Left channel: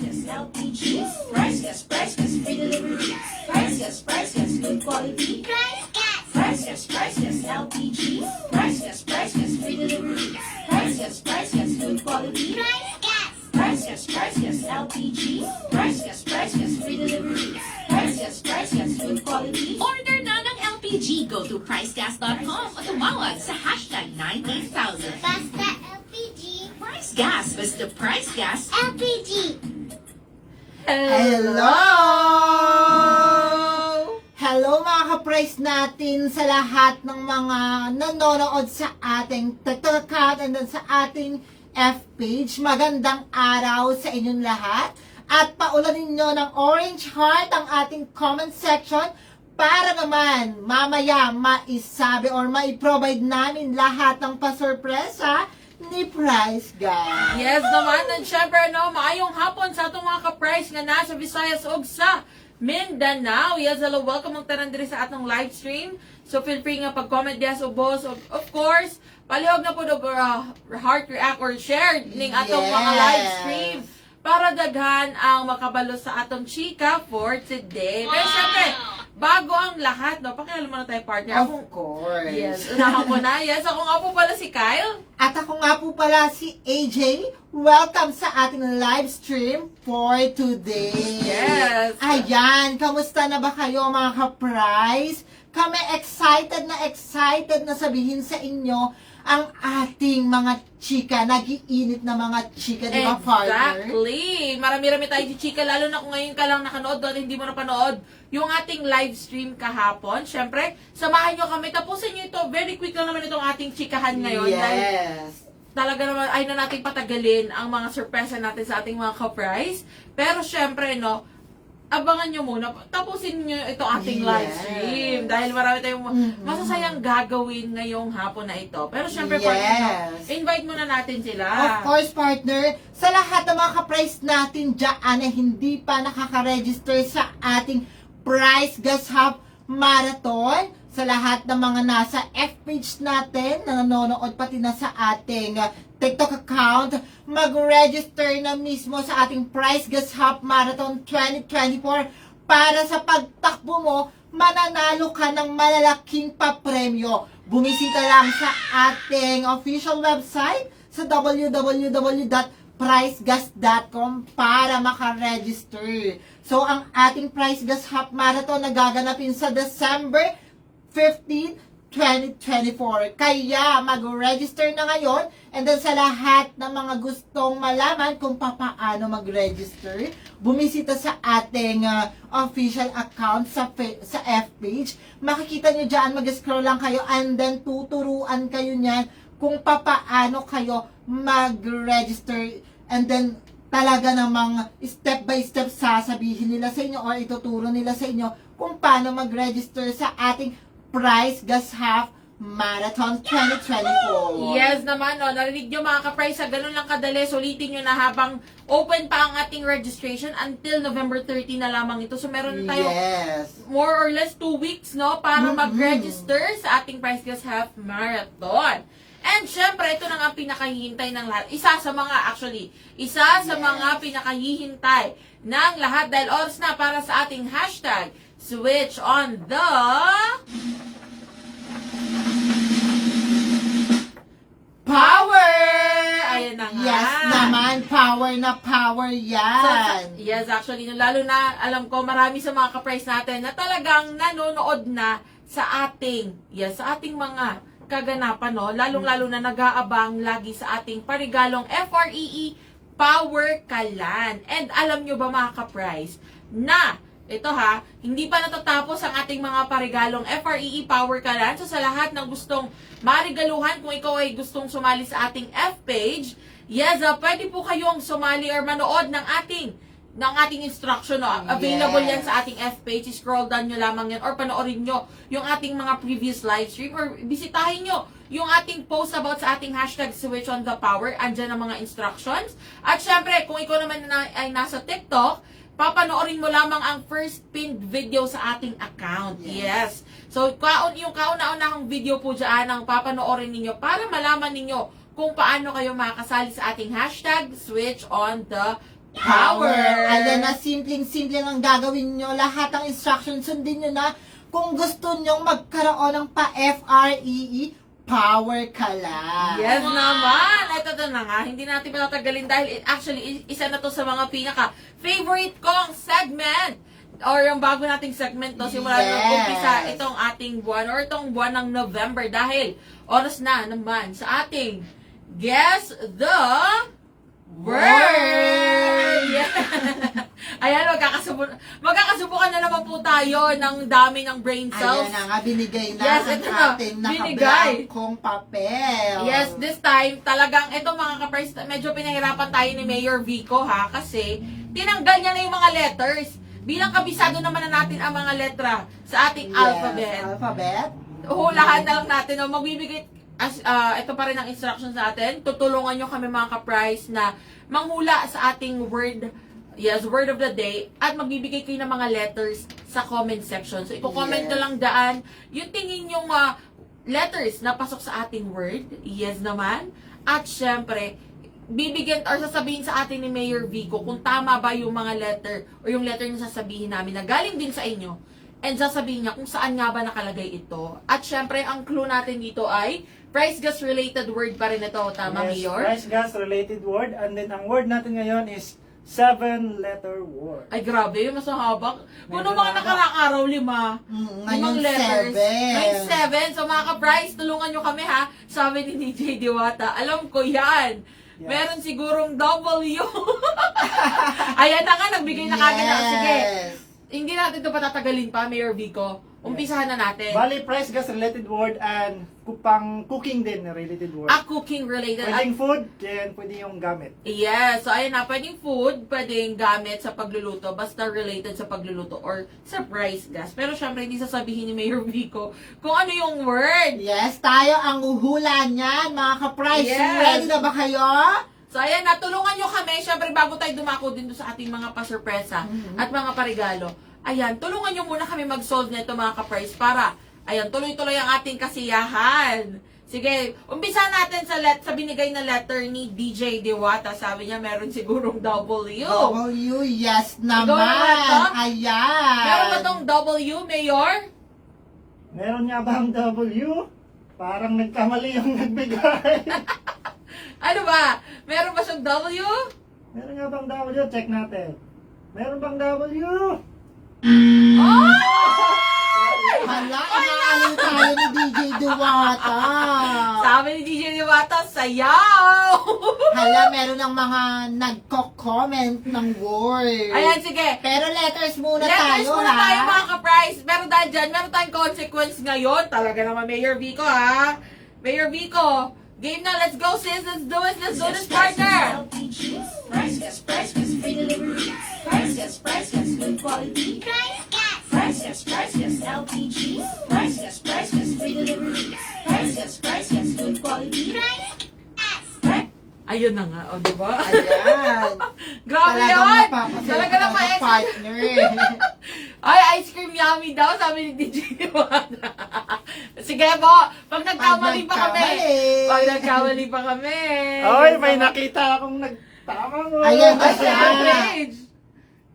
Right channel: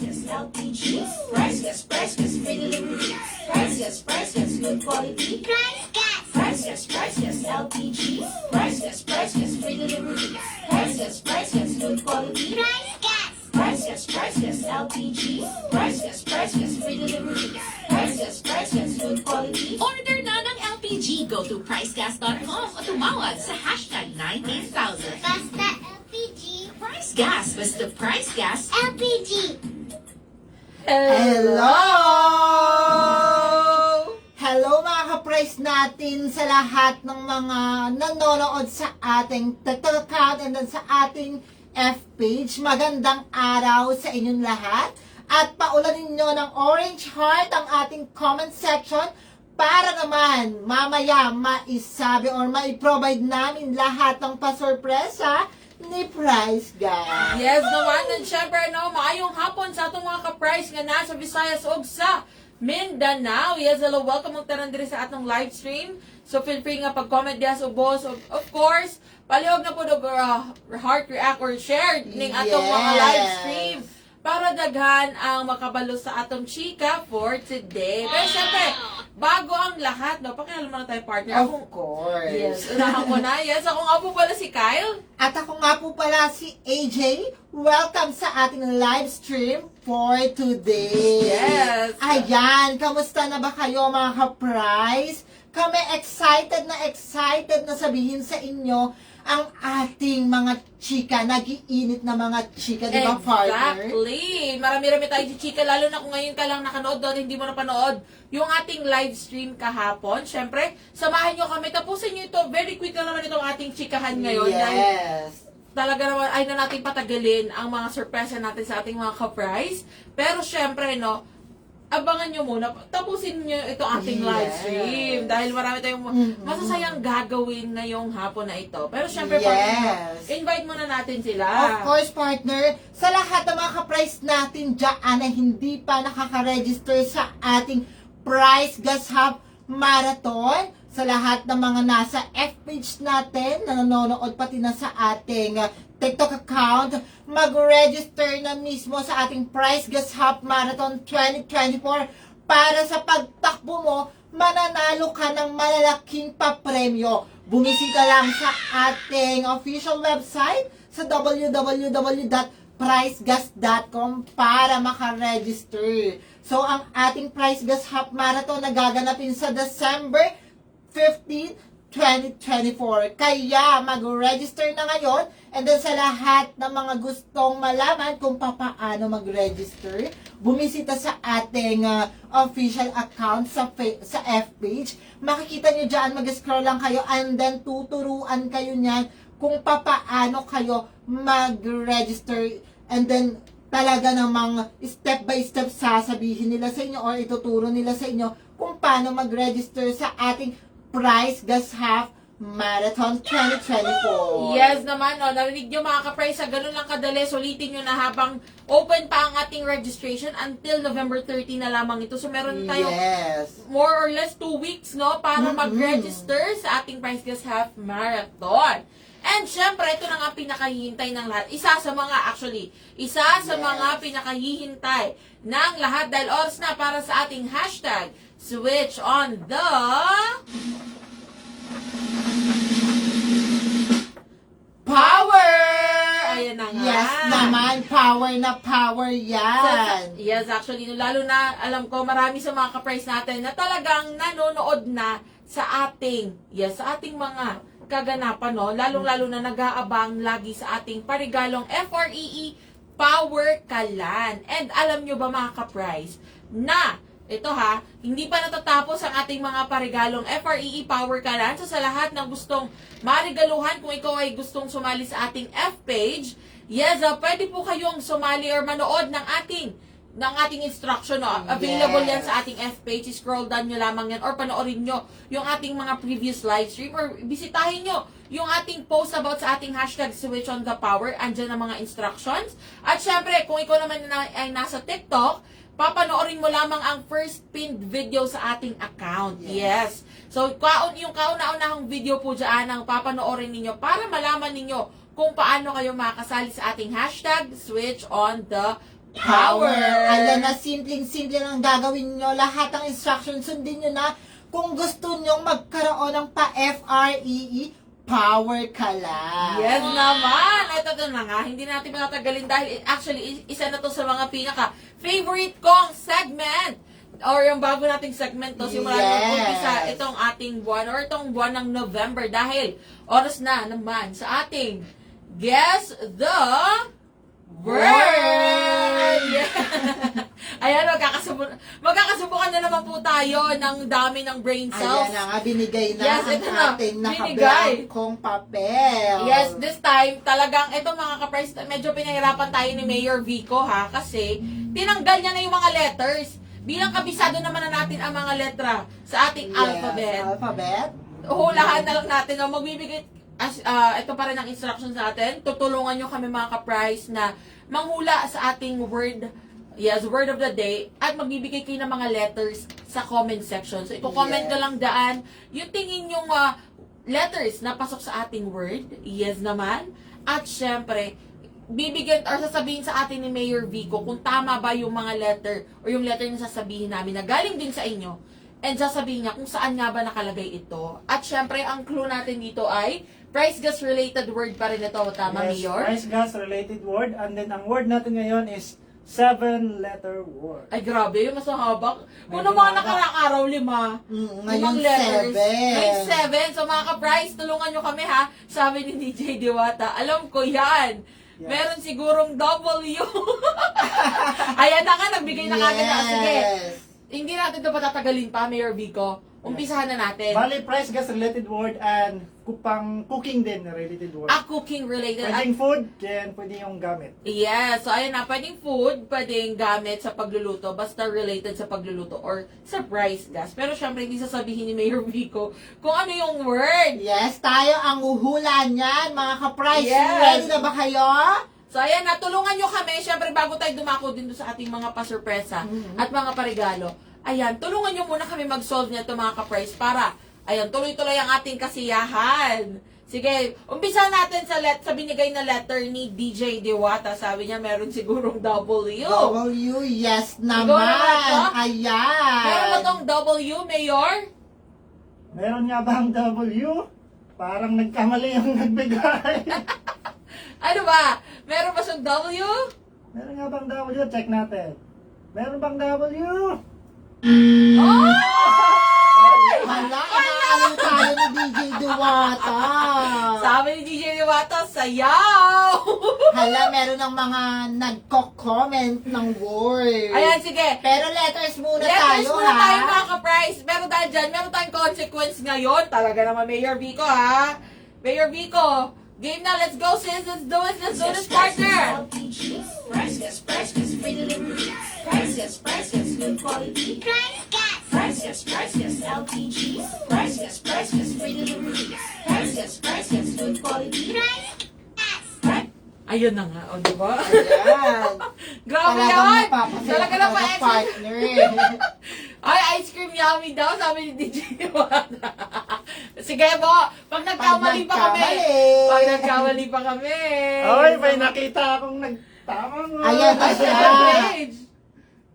yes, LPG. Price, yes, free delivery. Price, yes, good quality. Price, yes, LPG. Price, yes, free delivery. Price, yes, good quality. Price, yes, LPG. Price, yes, free delivery. Price, yes, good quality. Order na ng LPG. Go to pricegas.com o tumawag sa hashtag 98,000. Basta LPG. Price Gas. Basta Price Gas. LPG. Hello! Hello mga ka-price natin sa lahat ng mga nanonood sa ating TikTok account and then sa ating F-page. Magandang araw sa inyong lahat. At paulanin nyo ng orange heart ang ating comment section para naman mamaya maisabi or maiprovide namin lahat ng pasurpresa ni Price Guys. Yes naman, at syempre, maayong hapon sa atong mga ka-price nga nasa Visayas o sa Mindanao. Yes, hello, welcome ang tanan diri sa atong live stream. So feel free nga pag-comment diya sa boss. Of course, palihog na po do heart react or share ning atong mga live stream para daghan ang makabalo sa atong chika for today. Pero syempre, bago ang lahat, pakialam mo na tayo partner. Of course. Yes, unahan ko na. Yes, ako nga po pala si Kyle. At ako nga po pala si AJ. Welcome sa ating live stream for today. Yes. Ayan, kamusta na ba kayo mga ka-price? Kami excited na sabihin sa inyo ang ating mga chika, nag-iinit na mga chika, di ba, partner? Exactly. Marami-rami tayo si chika, lalo na kung ngayon ka lang nakanood doon, hindi mo napanood yung ating live stream kahapon. Siyempre, samahan nyo kami. Tapusin nyo ito. Very quick lang naman itong ating chikahan ngayon. Dahil Yes. talaga naman, ay na natin patagalin ang mga surpresa natin sa ating mga ka-price. Pero syempre, abangan nyo muna. Tapusin nyo ito ating live stream. Dahil marami tayong masasayang gagawin ngayong hapon na ito. Pero syempre, partner, invite muna natin sila. Of course, partner, sa lahat ng mga ka-price natin dyan na hindi pa nakaka-register sa ating Price Gas Hub Marathon, sa lahat ng mga nasa F-page natin na nanonood pati na sa ating TikTok account, mag-register na mismo sa ating Price Gas Hub Marathon 2024 para sa pagtakbo mo, mananalo ka ng malalaking papremyo. Bumisita lang sa ating official website sa www.pricegas.com para makaregister. So, ang ating Price Gas Hub Marathon na gaganapin sa December 15, 2024. Kaya mag-register na ngayon, and then sa lahat ng mga gustong malaman kung paano mag-register, bumisita sa ating official account sa F-page. Makikita nyo dyan, mag-scroll lang kayo and then tuturuan kayo niyan kung paano kayo mag-register, and then talaga namang step by step sasabihin nila sa inyo or ituturo nila sa inyo kung paano mag-register sa ating Price Gas Hub Marathon 2024. Yes naman, narinig nyo mga ka-price, ganun lang kadali, sulitin nyo na habang open pa ang ating registration until November 30 na lamang ito. So meron tayo more or less 2 weeks, para mag-register sa ating Price Gas Hub Marathon. And syempre, ito na nga ang pinakahihintay ng lahat. Isa sa mga pinakahihintay ng lahat dahil oras na para sa ating hashtag Switch on the Power! Ayan na nga. Yes naman, power na power yan. Yes, actually, lalo na alam ko marami sa mga ka-price natin na talagang nanonood na sa ating mga kaganapan, lalong-lalo na nag-aabang lagi sa ating parigalong FREE Power Kalan. And alam nyo ba mga ka-price na ito hindi pa natatapos ang ating mga parigalong FREE Power Kalan. So sa lahat ng gustong marigaluhan, kung ikaw ay gustong sumali sa ating F-page, yes, pwede po kayong sumali or manood ng ating instruction. Available yan sa ating F-page. Scroll down nyo lamang yan or panoorin nyo yung ating mga previous live stream or bisitahin nyo yung ating post about sa ating hashtag Switch on the Power. Andyan ang mga instructions. At syempre, kung ikaw naman ay nasa TikTok, papanoorin mo lamang ang first pinned video sa ating account. Yes. So, yung kauna-unahang video po dyan ang papanoorin ninyo para malaman ninyo kung paano kayo makasali sa ating hashtag Switch on the power. Alam na, simpleng-simple lang gagawin nyo. Lahat ng instructions, sundin nyo na. Kung gusto nyo magkaroon ng pa-FREE, power ka lang. Yes naman! Ito na nga, hindi natin patatagalin dahil actually, isa na to sa mga pinaka-favorite kong segment. Or yung bago nating segment to, simula nung umpisa itong ating buwan or itong buwan ng November dahil oras na naman sa ating Guess the Word! Yeah. Ayan, magkakasubukan na naman po tayo ng dami ng brain cells. Ayan na nga, binigay na Yes, ang ito na. ating Binigay. nakablangkong papel. Yes, this time, talagang itong mga ka-price, medyo pinahirapan tayo ni Mayor Vico ha, kasi tinanggal niya na yung mga letters. Bilang kabisado naman na natin ang mga letra sa ating alphabet. Alphabet. Hulahan na lang natin, o magbibigay, ito pa rin ang instruction sa atin. Tutulungan nyo kami mga ka-price na manghula sa ating word, word of the day, at magbibigay kayo ng mga letters sa comment section. So, i-comment nyo lang daan yung tingin yung letters na pasok sa ating word. Yes naman. At syempre, bibigyan or sasabihin sa atin ni Mayor Vico kung tama ba yung mga letter o yung letter na sasabihin namin na galing din sa inyo. And sasabihin niya kung saan nga ba nakalagay ito. At syempre, ang clue natin dito ay price gas related word pa rin ito. Tama, Yes, Mayor? price gas related word. And then ang word natin ngayon is 7-letter word. Ay, grabe. Mas mahaba. Kung Medyo mga mahaba. nakaraang araw, 5. Ngayon, 5 letters. 7. Ngayon, 7. So, mga ka-price, tulungan nyo kami ha. Sabi ni DJ Diwata. Alam ko yan. Yeah. Meron sigurong W. Ayan na nga, nagbigay na kagad na. Sige. Hindi natin ito patatagalin pa, Mayor Vico. Umpisahan na natin. Bali, price gas related word and pang cooking din related word. Cooking related. Pwedeng food, then pwede yung gamit. Yes. So, ayun na. Pwedeng food, pwedeng gamit sa pagluluto, basta related sa pagluluto or sa price gas. Pero syempre, hindi sasabihin ni Mayor Vico kung ano yung word. Yes, tayo ang uhula niyan, mga ka-price. Yes. Ready na ba kayo? So, ayan na. Tulungan nyo kami. Syempre, bago tayo dumako din doon sa ating mga pasurpresa at mga parigalo. Ayan, tulungan nyo muna kami mag-solve nito mga ka-price para, ayan, tuloy-tuloy ang ating kasiyahan. Sige, umpisa natin sa binigay na letter ni DJ Diwata. Sabi niya, meron sigurong W. W, yes naman naman. to? Ayan. Meron ba tong W, Mayor? Meron nga bang W? Parang nagkamali yung nagbigay. Ano ba? Meron ba siyang W? Meron nga bang W? Check natin. Meron bang W? Oh! Hala, inaalim tayo ni DJ Duwata. Sabi ni DJ Diwata, sayaw! Hala, meron ng mga nagko-comment ng word. Ayan, sige. Pero letters muna Letters tayo, muna ha? tayo mga ka-price. Pero dahil dyan, meron tayong consequence ngayon. Talaga naman, Mayor Vico, ha? Mayor Vico, game na. Let's go, sis. Let's do it. Let's do this, partner. LPG. Price gas, free delivery. Price gas, good quality. Price gas. Price gas, LPG. Price gas, free delivery. Price gas, good quality. Ayun na nga, o, diba? Ayan. Grabe Talagang yun! napapasaya Talaga ka naman, ng partner. Ay, ice cream yummy daw, sabi ni DJ Iwana. Sige po, pag nagkamali pa kami. Pag nagkamali pa kami. Ay, Yes, may naman. nakita akong nagtamang word. Ayan na Ay, siya. second page.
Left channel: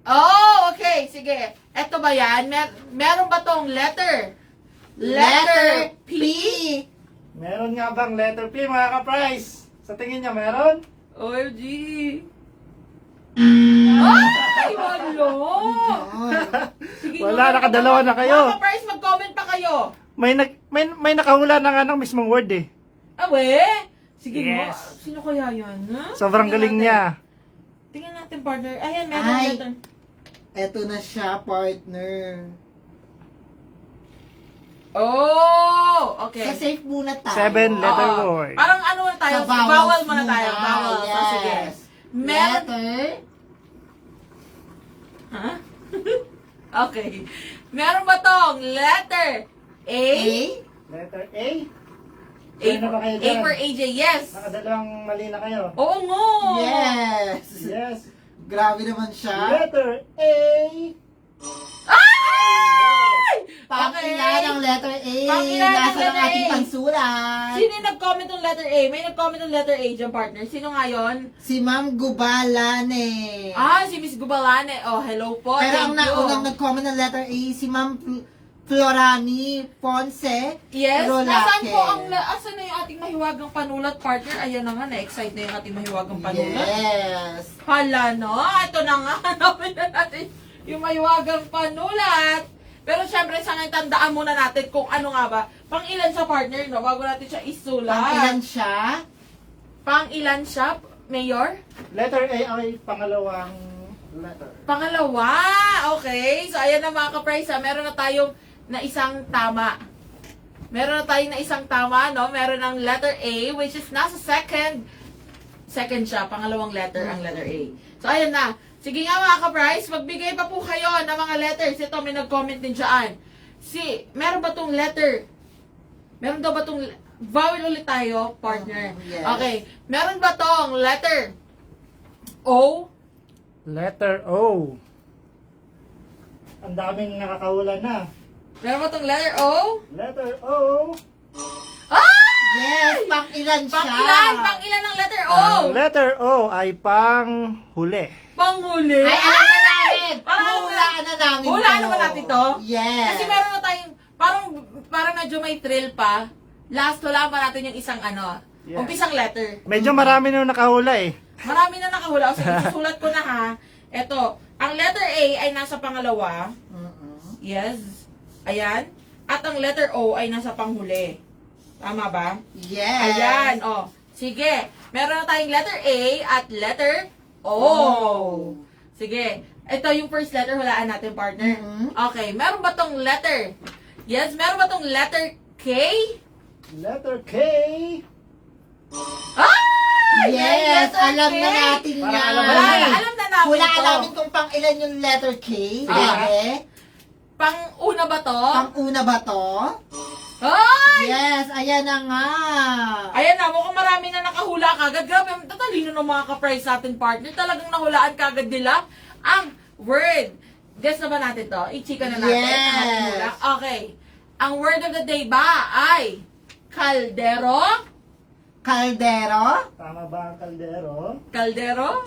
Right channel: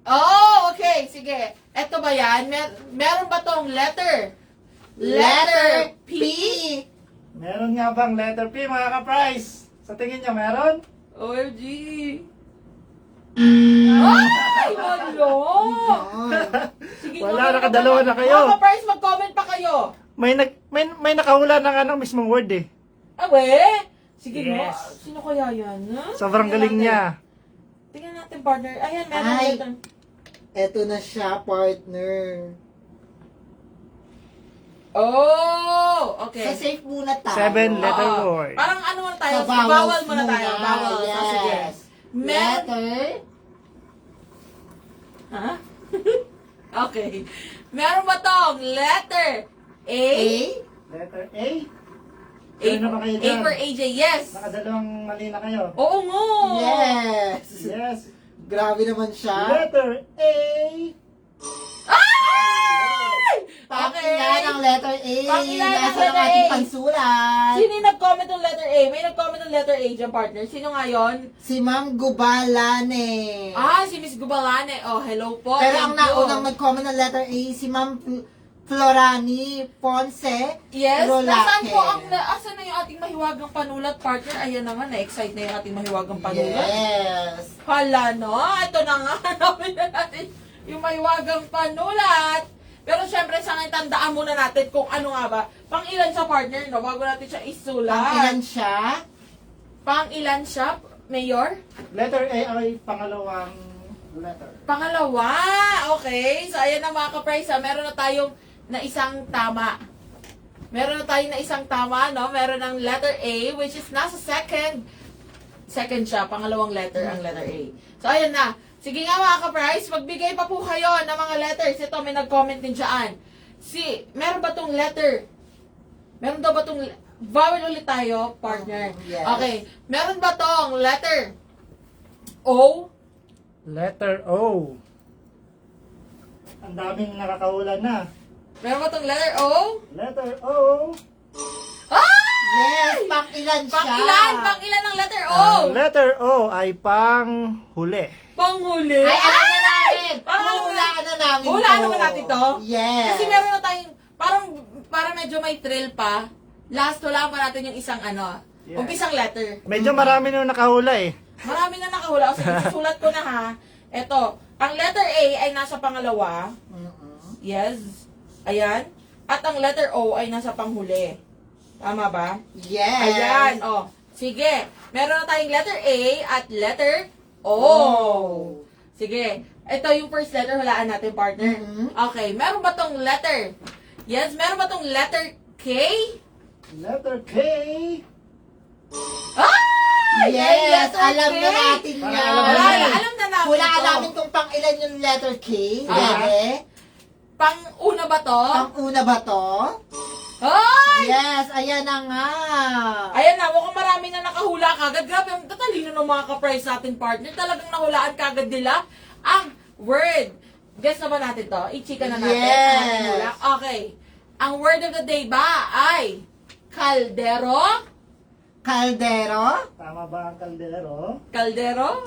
Oh, okay, sige. Eto ba yan? Meron ba tong letter? Letter P. Meron nga bang letter P, mga ka-price? Sa tingin niya, meron? OMG. Ay, wala. Sige, Wala, comment nakadalawa pa- na kayo. Mga ka-price, mag-comment pa kayo. May nakahula na nga ng mismong word eh. Awe? Sige, Yes. sino kaya yan? Ha? Sobrang Tingnan galing natin. niya. Tingnan natin, partner. Ayan, meron Ay. letter. Eto na siya, partner. Oh, So, okay. safe muna tayo. 7-letter Oo. word. Parang ano muna tayo? Sa Bawal vowels muna tayo. muna, Bawal. yes. Oh, sige. Letter Ha? Okay. Meron ba tong letter A? A. Letter A? A, Ano ba kayo A dyan? for AJ, yes. Nakadalawang mali na kayo. Oo nga. Yes. Yes. Grabe naman siya. Letter A. Ay! Pang Okay. ilan ang letter A? Pang-ilan ang Nasa ng letter ating A? pansulat? Sino yung nag-comment ng letter A? May nag-comment ng letter A dyan, partner. Sino nga yun? Si Ma'am Gubalane. Si Miss Gubalane. Oh, hello po. Pero Thank ang you. naunang nag-comment ng letter A, si Ma'am Florani Ponce. Yes, Rolake. nasaan po asan na yung ating mahiwagang panulat, partner? Ayan na nga, na-excite na yung ating mahiwagang panulat. Yes. Hala, no? Ito na nga, hanapin na natin yung mahiwagang panulat. Pero syempre, sa ngayon, tandaan muna natin kung ano nga ba. Pang ilan sa partner, no? Bago natin siya isulat. Pang-ilan siya? Pang ilan siya, Mayor? Letter A ay pangalawang letter. Pangalawa. Okay. So, ayan na mga ka-price, ha. Meron na tayong na isang tama. Meron na tayong na isang tama, no? Meron ng letter A, which is nasa second. Second siya. Pangalawang letter ang letter A. So, ayan na. Sige nga mga ka-price, magbigay pa po kayo ng mga letters. Ito, may nag-comment din dyan. Meron ba tong letter? Meron daw ba tong vowel ulit tayo, partner? Yes. Okay. Meron ba tong letter O? Letter O. Ang daming nakakahula na. Meron ba tong letter O? Letter O. Yes, pang-ilan siya? Pang-ilan ang letter O? Ang letter O ay panghuli. Panghuli? Ay, alam na namin! Parang Hulaan na namin Hulaan to. naman natin to? Yes. Kasi meron na tayong, parang medyo may thrill pa. Last, hulaan pa natin yung isang Yeah. umpisang letter. Medyo marami na nakahula eh. Marami na nakahula. O sige, susulat ko na ha. Ito, ang letter A ay nasa pangalawa. Mm-mm. Yes. Ayan. At ang letter O ay nasa panghuli. Tama ba? Yes. Ayan, oh. Sige. Meron na tayong letter A at letter O. Sige. Ito yung first letter, hulaan natin, partner. Mhm. Okay. Meron ba tong letter? Yes, meron ba tong letter K? Letter K. May Yes, letter alam K. na natin Parang yan. alam na natin. Alam na namin Hulaan to. namin kung pang-ilan yung letter K. Ah. Bebe. Pang-una ba to? Pang-una ba to? Ay! Yes, ayan na nga. Ayan na, mukhang marami na nakahula kagad. Grabe, ang tatalino ng mga ka-price natin, partner. Talagang nahulaan kagad nila ang word. Guess na ba natin to? I-chika na natin. Yes. Ang ating hula. Okay. Ang word of the day ba ay kaldero? Kaldero? Tama ba ang kaldero? Kaldero?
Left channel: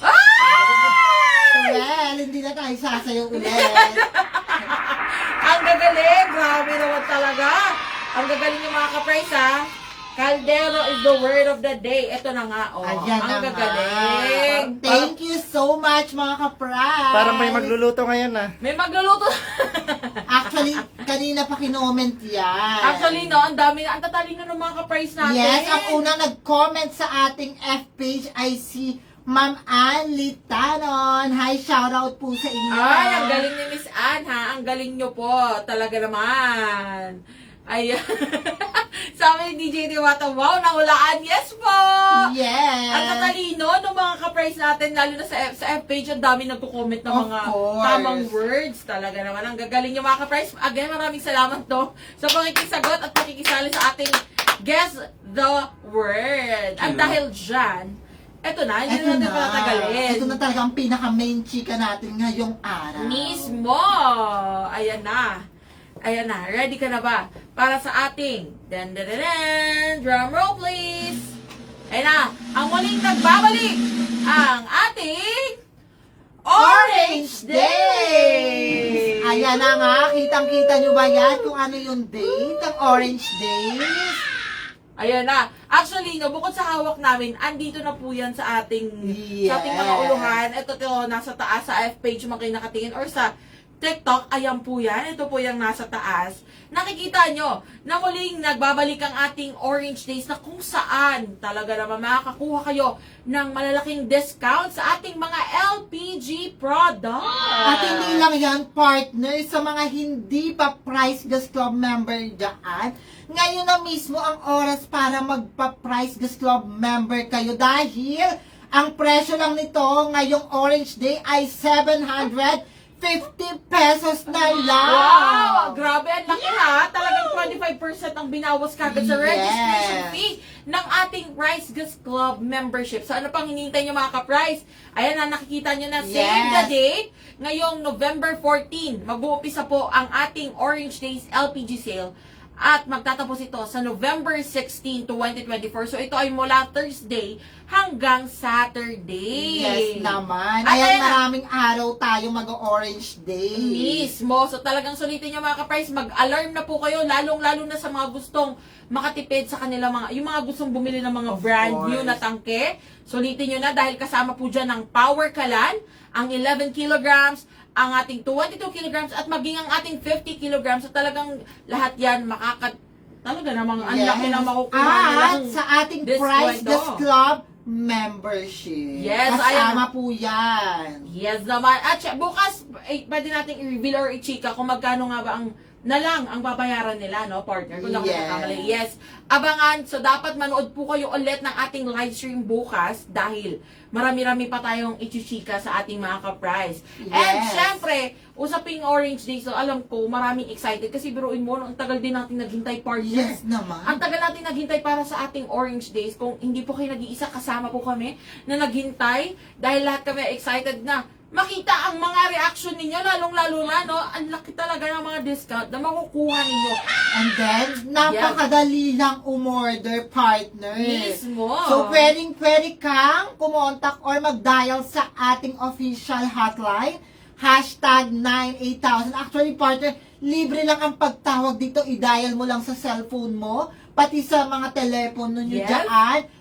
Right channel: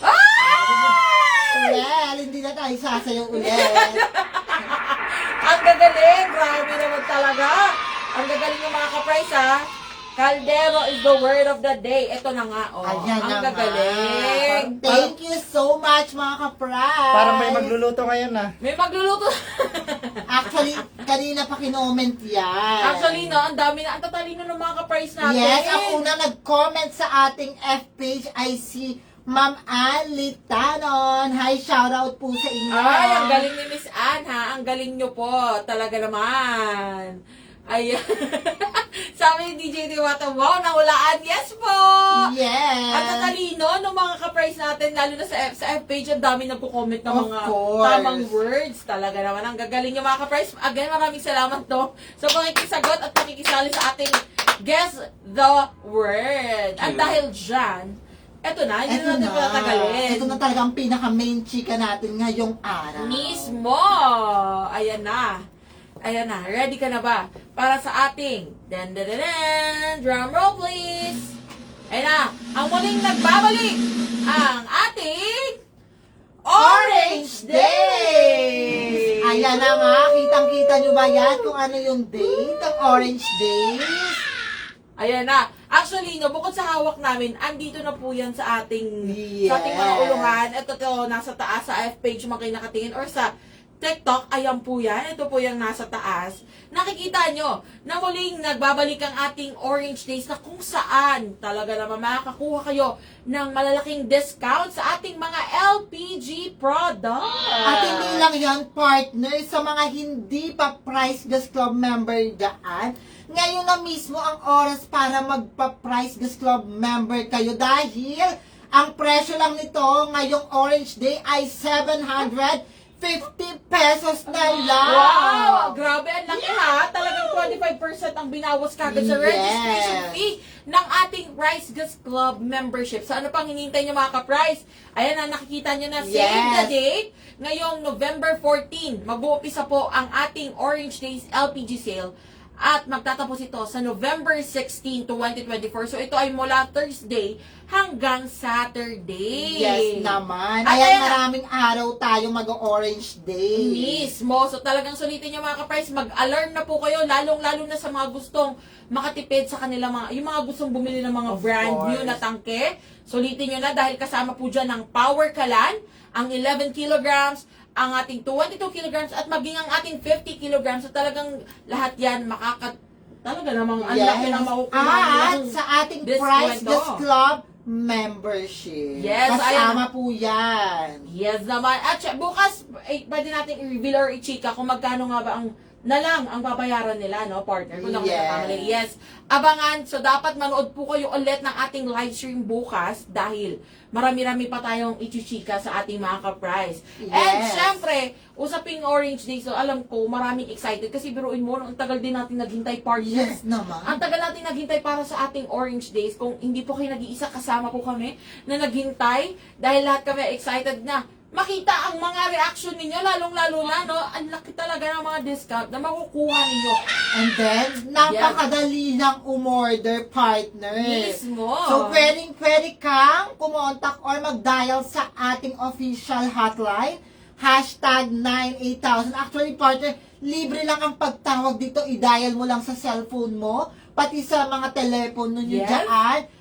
Ay! Well, hindi na tayo sasayaw ulit. Ang gagaling! Grabe naman talaga! Ang gagaling yung mga ka-price, ha? Caldero is the word of the day. Ito na nga, oh. Ayan Ang na nga. gagaling. Thank you so much, mga ka-prize. Parang may magluluto ngayon ah. May magluluto. Actually, kanina pa kinoment yan. Actually, no, ang dami na, ang tatalino ng mga ka-price natin. Yes, ang una nag-comment sa ating F page ay si Ma'am Ann Litanon. Hi, shoutout po sa inyo. Ay, ang galing ni Miss Ann, ha? Ang galing nyo po. Talaga naman. Ayan. Sabi ni DJ Diwata, wow, nahulaan. Yes po! Yes. At tatalino ng mga ka-price natin, lalo na sa F page, ang dami nagko-comment ng Of mga course. tamang words. Talaga naman, ang gagaling yung mga ka-price. Again, maraming salamat to sa pakikisagot at pakikisali sa ating Guess the Word. At dahil dyan, eto na, hindi na natin patatagalin. Ito na talaga ang pinaka-main chika natin ngayong araw. Mismo! Ayan na. Ayan na. Ready ka na ba? Para sa ating drum roll please! Ayan na. Ang muling nagbabalik ang ating Orange Days! Ayan na nga, kitang-kita nyo ba yan kung ano yung date ng Orange Days? Ayan na. Actually, no, bukod sa hawak namin, andito na po yan sa ating sa ating mga Yes. uluhan. Ito nasa taas sa F page mo kayo nakatingin or sa TikTok, ayan po yan. Ito po yung nasa taas. Nakikita nyo na muling nagbabalik ang ating Orange Days na kung saan talaga naman makakakuha kayo ng malalaking discount sa ating mga LPG products. At hindi lang yan, partner, sa mga hindi pa Price Gas Club member dyan, ngayon na mismo ang oras para magpa-Price Gas Club member kayo dahil ang presyo lang nito ngayong Orange Day ay 750 50 pesos na lang. Wow! Grabe, ang laki ha. Talagang 25% ang binawas kagad sa Yes. registration fee ng ating Price Gas Club membership. So ano pang hinihintay nyo mga ka-price? Ayan na, nakikita nyo na, save Yes. the date. Ngayong November 14, mag-uumpisa po ang ating Orange Days LPG sale. At magtatapos ito sa November 16, 2024. So ito ay mula Thursday hanggang Saturday. Yes naman. At Ayan, ayan na. maraming araw tayo mag-Orange Day. Mismo. So talagang sulitin nyo mga ka-price, mag-alarm na po kayo, lalong-lalo na sa mga gustong makatipid sa kanila yung mga gustong bumili ng mga Of brand new course. na tangke. Sulitin nyo na dahil kasama po dyan ang Power Kalan, ang 11 kilograms, ang ating 22 kilograms at maging ang ating 50 kilograms. So talagang lahat yan talaga namang ang laki na makukuha At nilang sa ating diskwento. Price Gas Club membership. Yes, Kasama ayan. po yan. Yes naman. At bukas, pwede natin i-reveal or i-chika kung magkano nga ba ang babayaran nila, no, partner? Kung ako Yes. nagkakamali. Yes. Abangan. So, dapat manood po kayo ulit ng ating live stream bukas dahil marami-rami pa tayong i-chika sa ating mga ka-price. And, Yes. syempre, usaping Orange Day, so alam ko, maraming excited kasi biruin mo, ang tagal din natin naghintay, partner. Yes naman. Ang tagal natin naghintay para sa ating Orange Days. Kung hindi po kayo nag-iisa, kasama po kami na naghintay dahil lahat kami excited na makita ang mga reaction ninyo, lalong-lalo na, no? Ang laki talaga ng mga discount na makukuha ninyo. And then, napakadali lang umorder, partner. Mismo. So, pwede kang kumontak or mag-dial sa ating official hotline, #98000. Actually, partner, libre lang ang pagtawag dito. I-dial mo lang sa cellphone mo, pati sa mga telepono nyo Yes. dyan.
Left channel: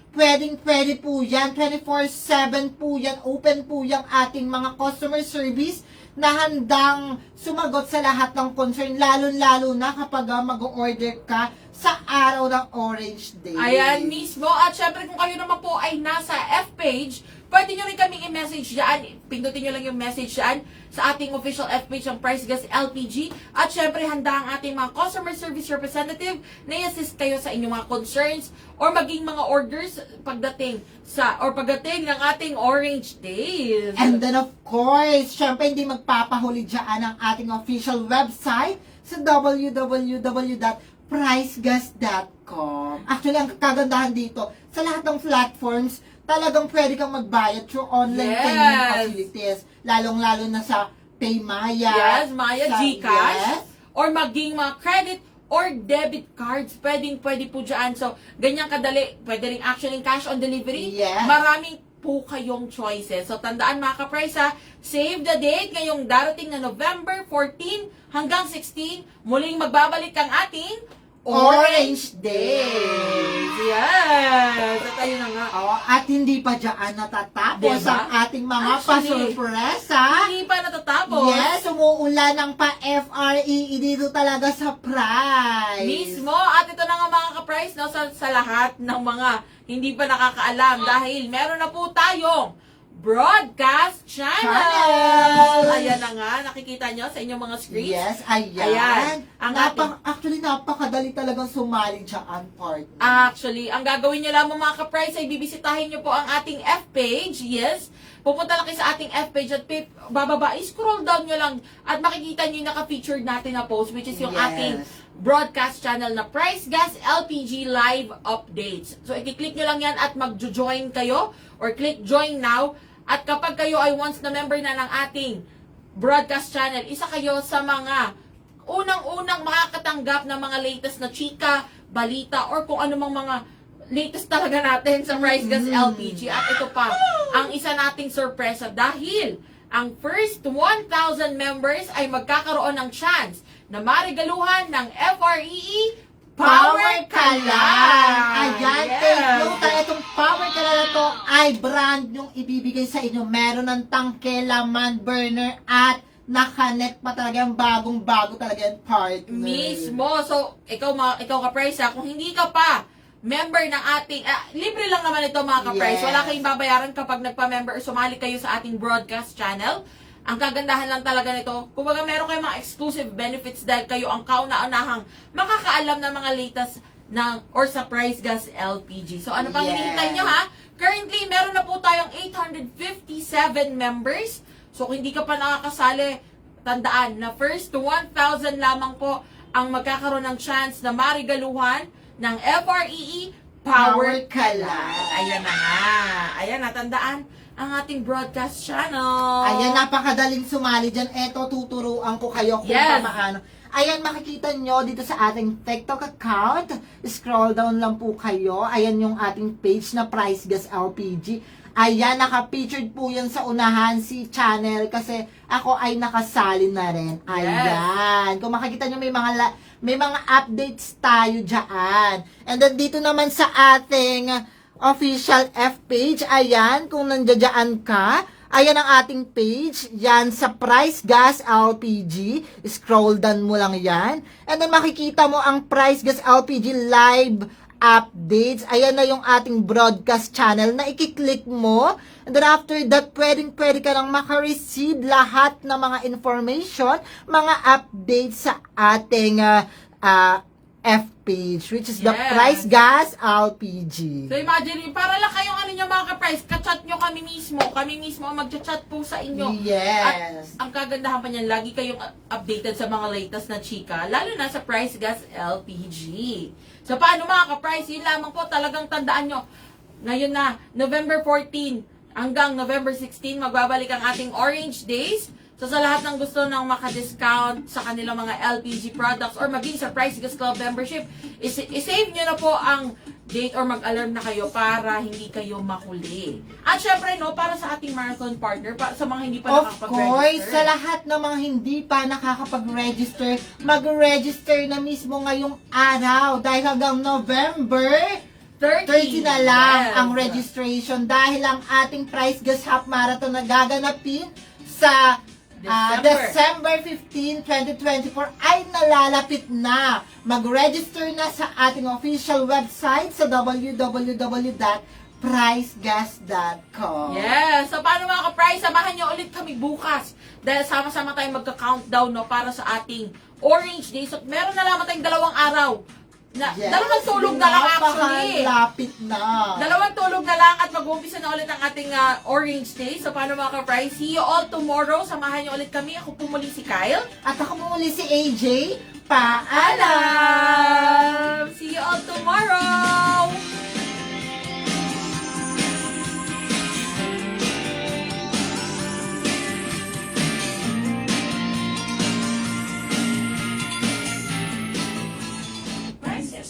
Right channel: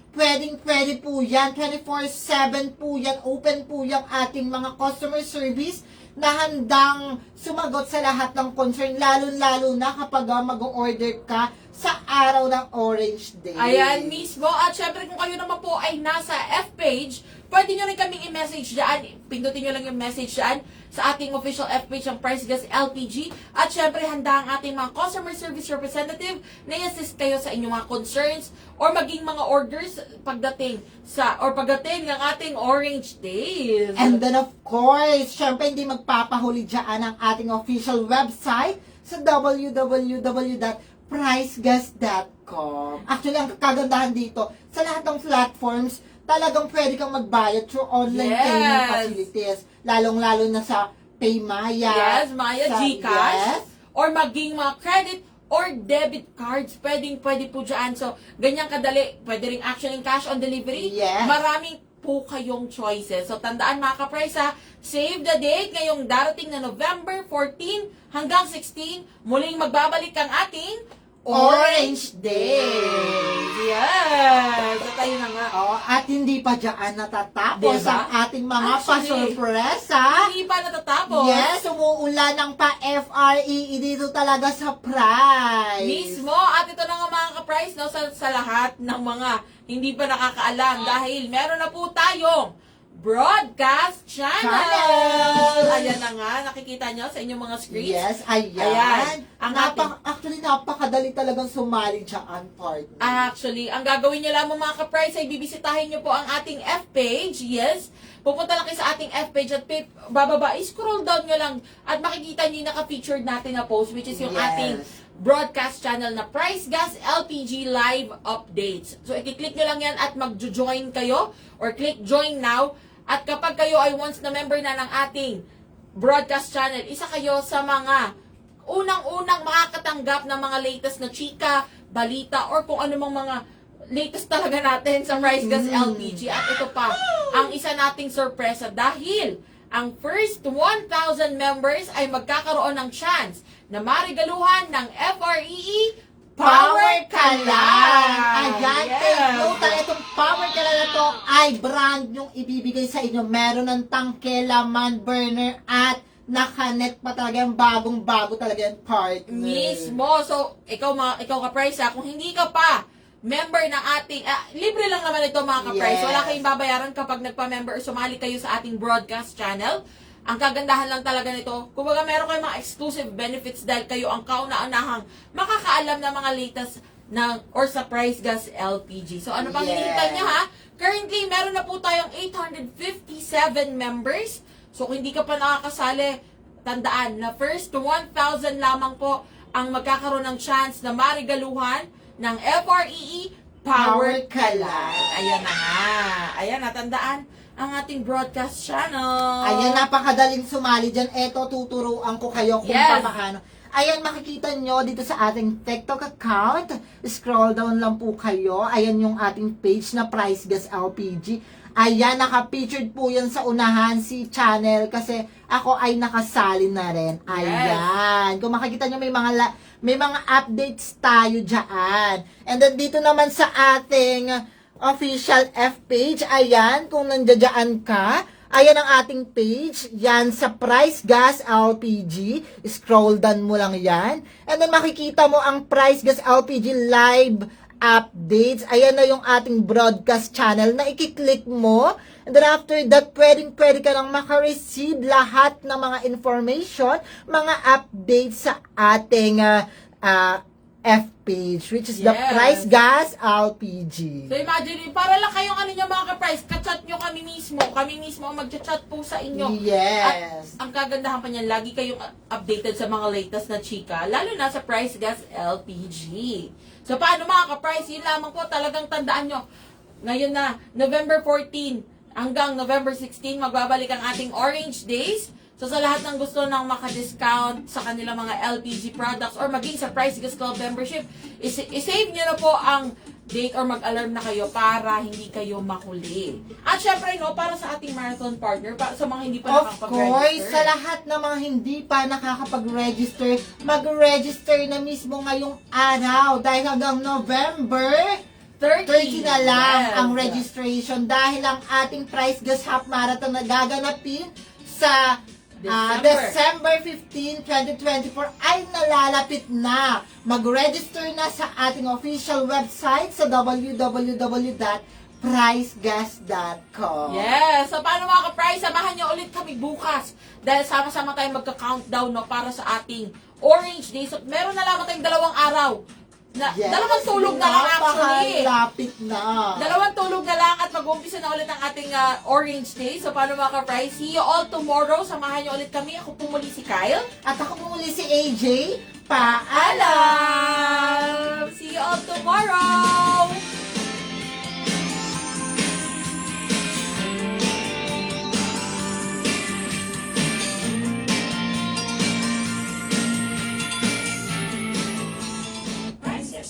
Pwede po yan. 24/7 po yan. Open po yung ating mga customer service na handang sumagot sa lahat ng concern, lalo-lalo na kapag mag-order ka sa araw ng Orange Day. Ayan mismo. At syempre kung kayo naman po ay nasa F-page, pwede nyo rin kaming i-message dyan. Pindutin nyo lang yung message dyan sa ating official F-page ng Price Gas LPG. At syempre handa ang ating mga customer service representative na i-assist kayo sa inyong mga concerns or maging mga orders pagdating ng ating Orange Days. And then of course, syempre hindi magpapahuli dyan ang ating official website sa www.pricegas.com. Actually, ang kagandahan dito, sa lahat ng platforms, talagang pwede kang magbayad through online Yes. payment facilities. Lalong-lalo na sa Paymaya. Yes, Maya, sa- GCash, Yes. or maging mga credit or debit cards, pwede po dyan. So, ganyan kadali. Pwede rin actually cash on delivery. Yes. Maraming po kayong choices. So, tandaan mga ka-price ha, save the date ngayong darating na November 14 hanggang 16. Muling magbabalik ang ating Orange Day. Yes! At ayun na nga. Oo, at hindi pa dyan natatapos Diba? ang ating mga Actually, pasurpresa. Hindi pa natatapos. Yes, umuulan ng pa-FREE dito talaga sa price. Mismo, at ito na nga mga ka-price, no, sa lahat ng mga hindi pa nakakaalam dahil meron na po tayong broadcast channel. Ayan na nga, nakikita nyo sa inyong mga screens. Yes, ayan. Ayan, ang Actually, napakadali talagang sumali dyan, partner. Actually, ang gagawin nyo lamang mga ka-price ay bibisitahin nyo po ang ating F-page. Yes, pupunta lang kayo sa ating F-page at bababa, scroll down nyo lang at makikita nyo yung naka-featured natin na post which is yung Yes. ating broadcast channel na Price Gas LPG Live Updates. So, i-click nyo lang yan at mag-join kayo or click join now. At kapag kayo ay once na member na ng ating broadcast channel, isa kayo sa mga unang-unang makakatanggap ng mga latest na chika, balita, or kung anumang mga latest talaga natin sa Price Gas LPG. At ito pa, ang isa nating sorpresa dahil ang first 1,000 members ay magkakaroon ng chance na marigaluhan ng FREE Power Kalan. Ayan, Yes. take note. Itong Power Kalan na to ay brand yung ibibigay sa inyo. Meron ng tangke, laman, burner, at nakanet pa talaga yung bagong-bago talaga yung partner. Mismo. So, ikaw ka-price ha, kung hindi ka pa member ng ating, libre lang naman ito mga ka-price. Yes. Wala kayong babayaran kapag nagpa-member or sumali kayo sa ating broadcast channel. Ang kagandahan lang talaga nito, kumbaga meron kayong mga exclusive benefits dahil kayo ang kauna-unahang makakaalam ng mga latest or sa Price Gas LPG. So, ano pang Yes. hinihintay nyo ha? Currently, meron na po tayong 857 members. So, kung hindi ka pa nakakasali, tandaan na first to 1,000 lamang po ang magkakaroon ng chance na marigaluhan ng FREE Power Kalan. Ayan na nga. Ayan na, tandaan ang ating broadcast channel. Ayan, napakadaling sumali dyan. Eto, tuturuan ko kayo kung Yes. paano. Ayan, makikita nyo dito sa ating TikTok account. Scroll down lang po kayo. Ayan yung ating page na Price Gas LPG. Ayan, naka-featured po yan sa unahan si channel kasi ako ay nakasali na rin. Ayan. Kung makikita nyo, may mga updates tayo dyan. And then dito naman sa ating official F page, ayan, kung nandiyan ka, ayan ang ating page, yan sa Price Gas LPG, scroll down mo lang yan, and then makikita mo ang Price Gas LPG live updates, ayan na yung ating broadcast channel na ikiklik mo, and then after that, pwede ka lang makareceive lahat ng mga information, mga updates sa ating F page, which is the Yes. Price Gas LPG. So imagine, para lang kayong ano nyo mga ka-price, ka-chat nyo kami mismo ang magchat-chat po sa inyo. Yes. At ang kagandahan pa niyan, lagi kayong updated sa mga latest na chika, lalo na sa Price Gas LPG. So paano mga ka-price, yun lamang po, talagang tandaan nyo, ngayon na, November 14 hanggang November 16, magbabalik ang ating Orange Days. So sa lahat ng gusto ng maka-discount sa kanilang mga LPG products or maging sa Price Gas Club membership, isave nyo na po ang date or mag-alarm na kayo para hindi kayo mahuli. At syempre, no, para sa ating marathon partner, para sa mga hindi pa Of course, sa nakakapag-register. lahat ng mga hindi pa nakakapag-register, mag-register na mismo ngayong araw dahil hanggang November 30 na lang Yes. ang registration dahil ang ating Price Gas Half Marathon na gaganapin sa December 15, 2024 ay nalalapit na. Mag-register na sa ating official website sa www.pricegas.com. Yes! So, paano mga ka-price? Samahan nyo ulit kami bukas. Dahil sama-sama tayong magka-countdown, no, para sa ating Orange Day. So, meron na lamang tayong 2 araw. Yes. Dalawang tulog na lang actually. Napakalapit na. Dalawang tulog na lang at mag-uumpisa na ulit ang ating Orange Day. So, paano mga ka-price? See you all tomorrow. Samahan nyo ulit kami. Ako po muli si Kyle. At ako po muli si AJ. Paalam! Alam! See you all tomorrow!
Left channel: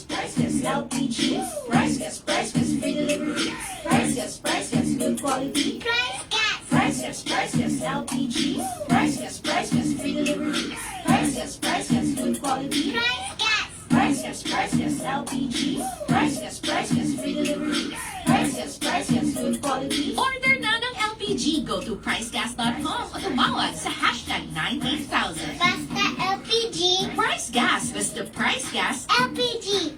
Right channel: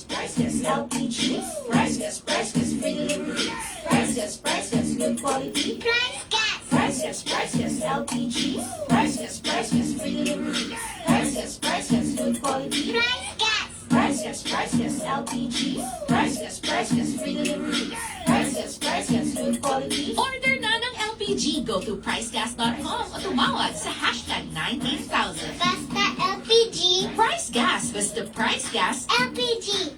Price Gas LPG. Price Gas, free delivery. Price Gas, good quality. Price Gas. Price Gas LPG. Price Gas, free delivery. Price Gas, good quality. Price Gas. Price Gas LPG. Price Gas, free delivery. Price Gas, good quality. Order na ng LPG. Go to pricegas.com o tumawag sa hashtag 98000. Basta LPG. Price Gas, basta Price Gas LPG.